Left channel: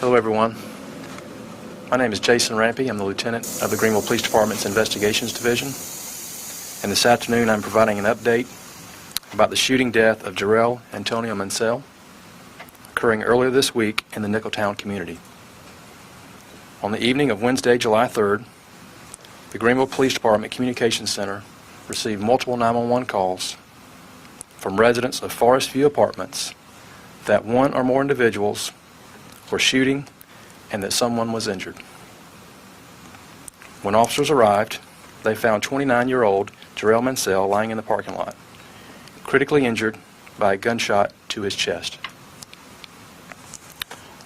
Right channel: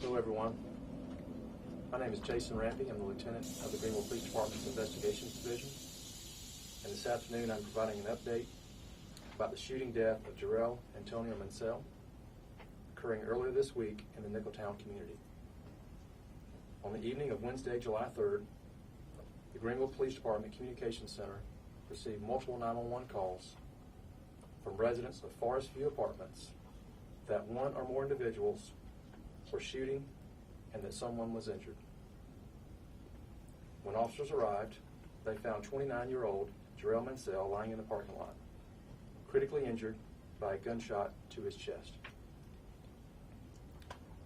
Hello, everyone. My name is Jason Rampey. I'm the lieutenant of the Greenville Police Department's Investigations Division. And this afternoon, I'm providing an update about the shooting death of Jarrell Antonio Mansell, occurring earlier this week in the Nicholtown community. On the evening of Wednesday, July 3rd, the Greenville Police Department Communications Center received multiple 911 calls from residents of Forest View Apartments that one or more individuals were shooting and that someone was injured. When officers arrived, they found 29-year-old Jarrell Mansell lying in the parking lot, critically injured by a gunshot to his chest.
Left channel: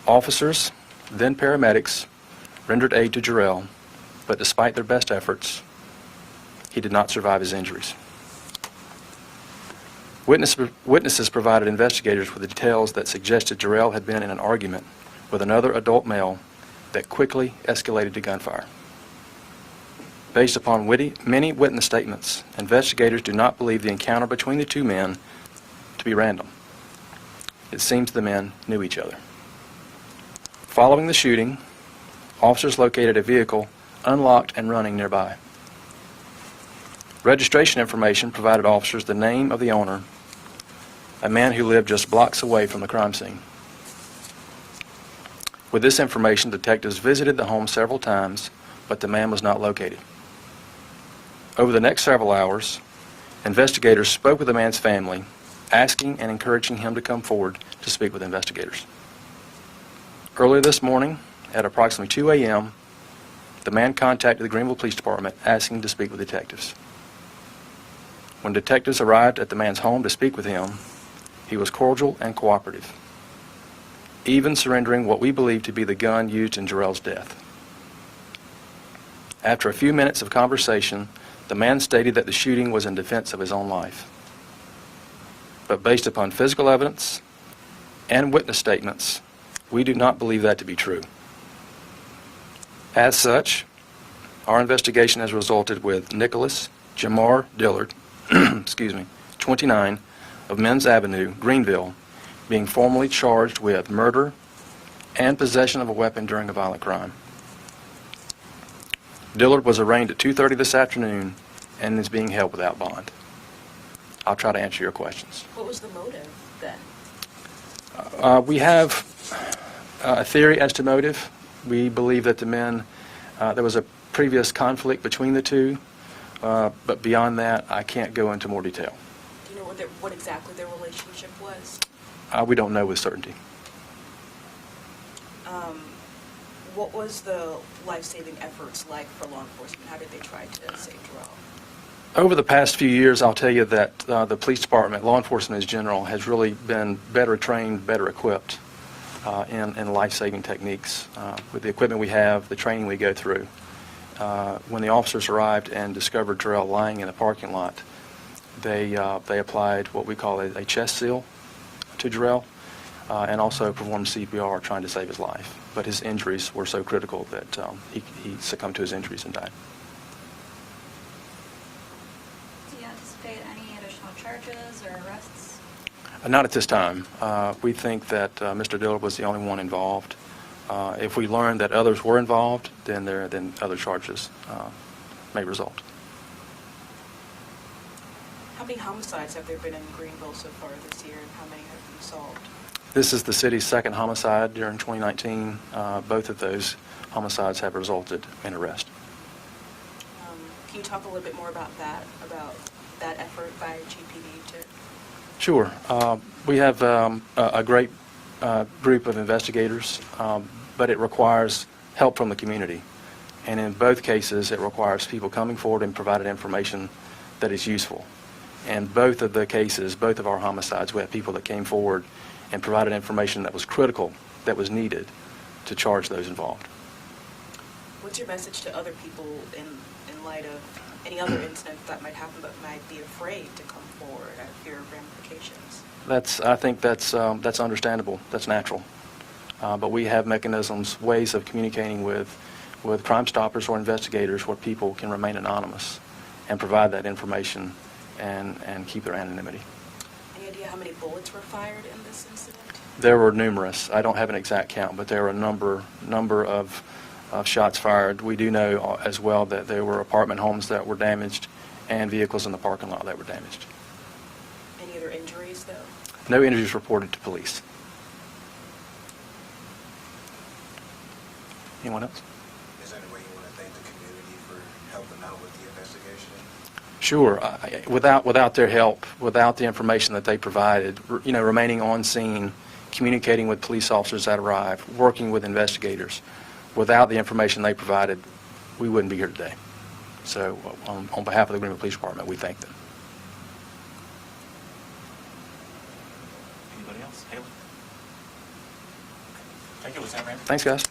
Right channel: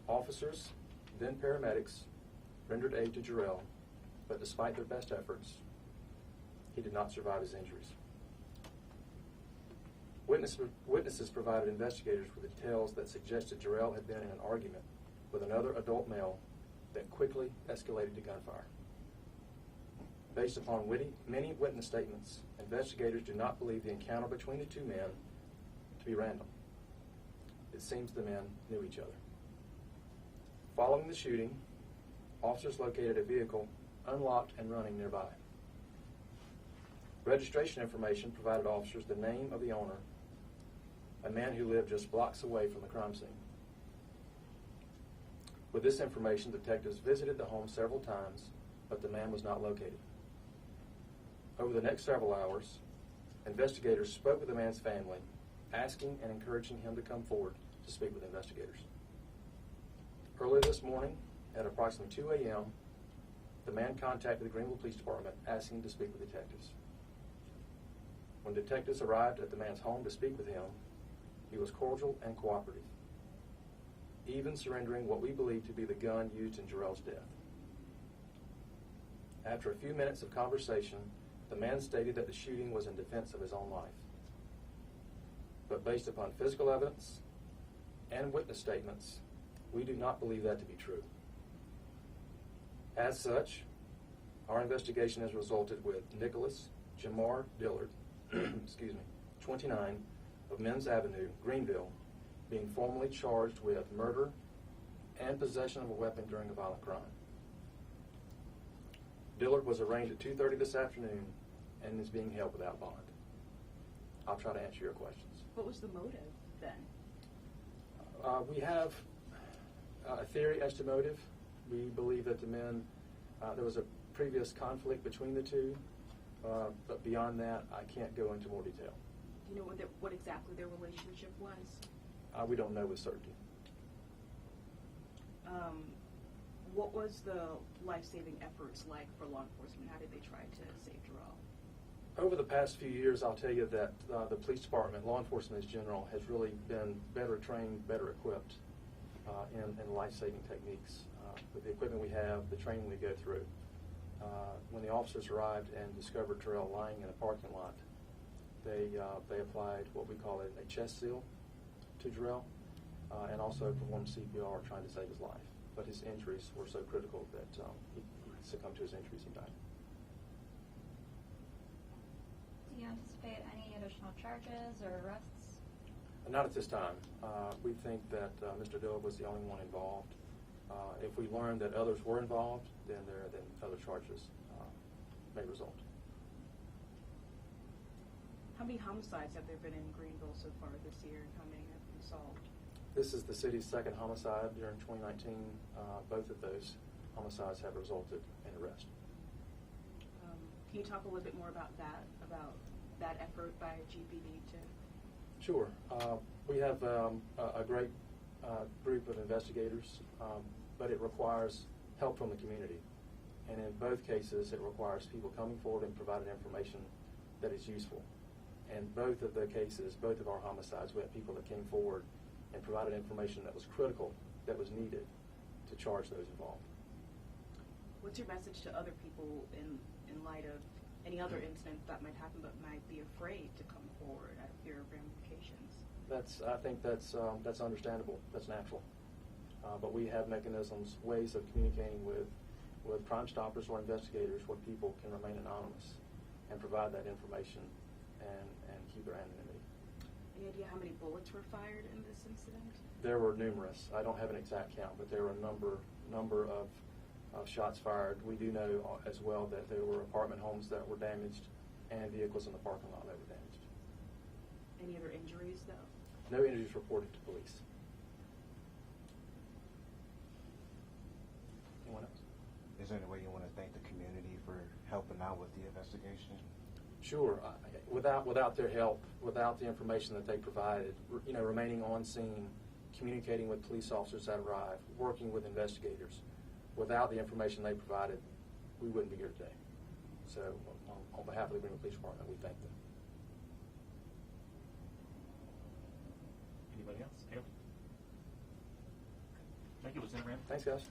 Officers, then paramedics, rendered aid to Jarrell, but despite their best efforts, he did not survive his injuries. Witnesses provided investigators with the details that suggested Jarrell had been in an argument with another adult male that quickly escalated to gunfire. Based upon many witness statements, investigators do not believe the encounter between the two men to be random. It seems the men knew each other. Following the shooting, officers located a vehicle unlocked and running nearby. Registration information provided officers the name of the owner, a man who lived just blocks away from the crime scene. With this information, detectives visited the home several times, but the man was not located. Over the next several hours, investigators spoke with the man's family, asking and encouraging him to come forward to speak with investigators. Earlier this morning, at approximately 2 a.m., the man contacted the Greenville Police Department asking to speak with detectives. When detectives arrived at the man's home to speak with him, he was cordial and cooperative, even surrendering what we believe to be the gun used in Jarrell's death. After a few minutes of conversation, the man stated that the shooting was in defense of his own life. But based upon physical evidence and witness statements, we do not believe that to be true. As such, our investigation has resulted with Nicholas Jamar Dillard, 29, of Men's Avenue, Greenville, being formally charged with murder and possession of a weapon during a violent crime. Dillard was arraigned at 2:30 this afternoon and is being held without bond. I'll try to answer your questions. What was the motive then? We have a theory as to motive. We believe that the men, there was a previous conflict between the two, but beyond that, I can't go into more detail. Do you know what exactly their relationship was? We don't know with certainty. What was the life-saving efforts like for law enforcement? How did they try to save Jarrell? Over the past few years, I'll tell you that the police department, law enforcement in general, has really been better trained, better equipped in life-saving techniques. With the equipment we have, the training we go through. When the officers arrived and discovered Jarrell lying in the parking lot, they applied what we call a chest seal to Jarrell and also performed CPR trying to save his life. But his injuries were so critical that he succumbed to his injuries and died. Do you anticipate any additional charges or arrests? Not at this time. We think that Mr. Dillard was the only one involved. If we learn that others were involved, then other charges may result. How many homicides have there been in Greenville so far this year, and how many have been solved? This is the city's second homicide during 2019. Both of those homicides have resulted in arrest. Can you talk a little bit more about that effort by GPD to? Sure. We have a great group of investigators, but it requires help from the community. And in both cases, it requires people coming forward and providing information that is useful. And both of the cases, both of our homicides, we had people that came forward and provided information that was critical, that was needed to charge those involved. What's your message to other people in light of any other incident that might happen but might be afraid to come forward out of fear of ramifications? I think that's understandable. That's natural. But we have mechanisms, ways of communicating with Crime Stoppers or investigators where people can remain anonymous and provide that information and keep their anonymity. Any idea how many bullets were fired in this incident? There were numerous. I don't have an exact count, but there were a number of shots fired. We do know as well that there were apartment homes that were damaged and vehicles in the parking lot that were damaged. Any other injuries, though? No injuries reported to police. Anyone else? Is there any way you want to thank the community for helping out with the investigation? Sure. Without their help, without the information that they provided, remaining on scene, communicating with police officers that arrived, working with investigators, without the information they provided, we wouldn't be here today. So on behalf of the Greenville Police Department, we thank them. Anybody else? Haley? Thank you, Lieutenant Rampey. Thanks, guys.